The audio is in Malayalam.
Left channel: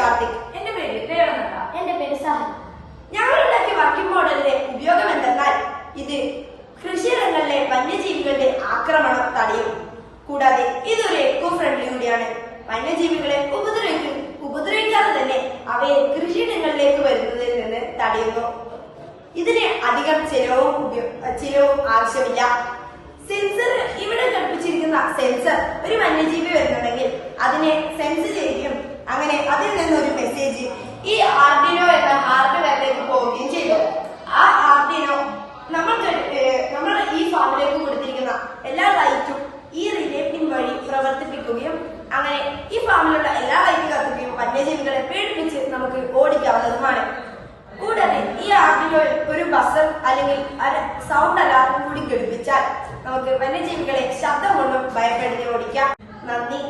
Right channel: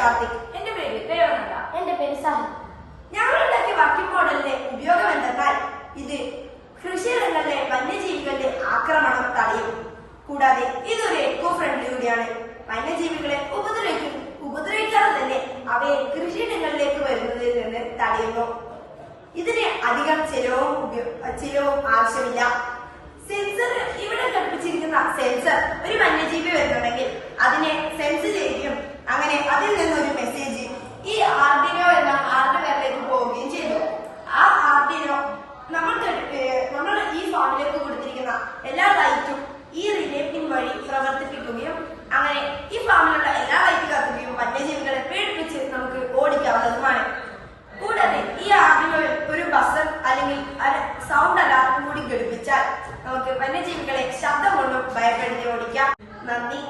കാർത്തിക്. എന്റെ പേര് ദേവനന്ദ. എന്റെ പേര് സാഹിബ്. ഞങ്ങൾ ഉണ്ടാക്കിയ വർക്കിംഗ് മോഡലിന്റെ ഉപയോഗം എന്തെന്നാൽ ഇത് കൃഷിയിടങ്ങളിലെ വന്യജീവികളുടെ ആക്രമണം തടയും. കൂടാതെ ഇതൊരു എക്കോ ഫ്രണ്ട്ലി കൂടിയാണ്. വന്യജീവികളെ ഉപദ്രവിക്കാതെ തന്നെ അവയെ കൃഷിയിടങ്ങളിലേക്ക് വരുന്നതിൽ നിന്ന് തടയുന്നു. ഇതിന് അധികം ചിലവും ആവശ്യമില്ല. സെൻസർ ഇവിടെ ഘടിപ്പിച്ചിരിക്കുന്ന സെൻസർ ഒരു വന്യജീവി വരുന്നുണ്ടെങ്കിൽ അതിനെ സെൻസ് ചെയ്യുകയും അങ്ങനെ അതിൽ നിന്നൊരു മെസ്സേജ് ഈ ആർഡിനോ എന്ന ഹാർഡ്വെയറിലേക്ക് പോവുകയും ചെയ്തു. ആ ആർഡിനോ നമ്മൾ ഈ ഫാമിലേക്ക് കൊടുത്തിരിക്കുന്ന എല്ലാ ലൈറ്റും ഈ റിലേ പിൻ വഴി പ്രവർത്തിപ്പിക്കുകയും അങ്ങനെ ഈ ഫാമിലുള്ള എല്ലാ ലൈറ്റ് കത്തുകയും വന്യജീവികളെ പേടിപ്പിച്ച് നമുക്ക് ഓടിക്കാവുന്നതുമാണ്. കൂടാതെ ഈ ആർഡിനോയിൽ ഒരു ബസർ അല്ലെങ്കിൽ സൗണ്ട് അലാറം കൂടി ഘടിപ്പിച്ചാൽ നമുക്ക് വന്യജീവികളെ ശബ്ദം കൊണ്ടും ഭയപ്പെടുത്തി ഓടിക്കാം. നന്ദി.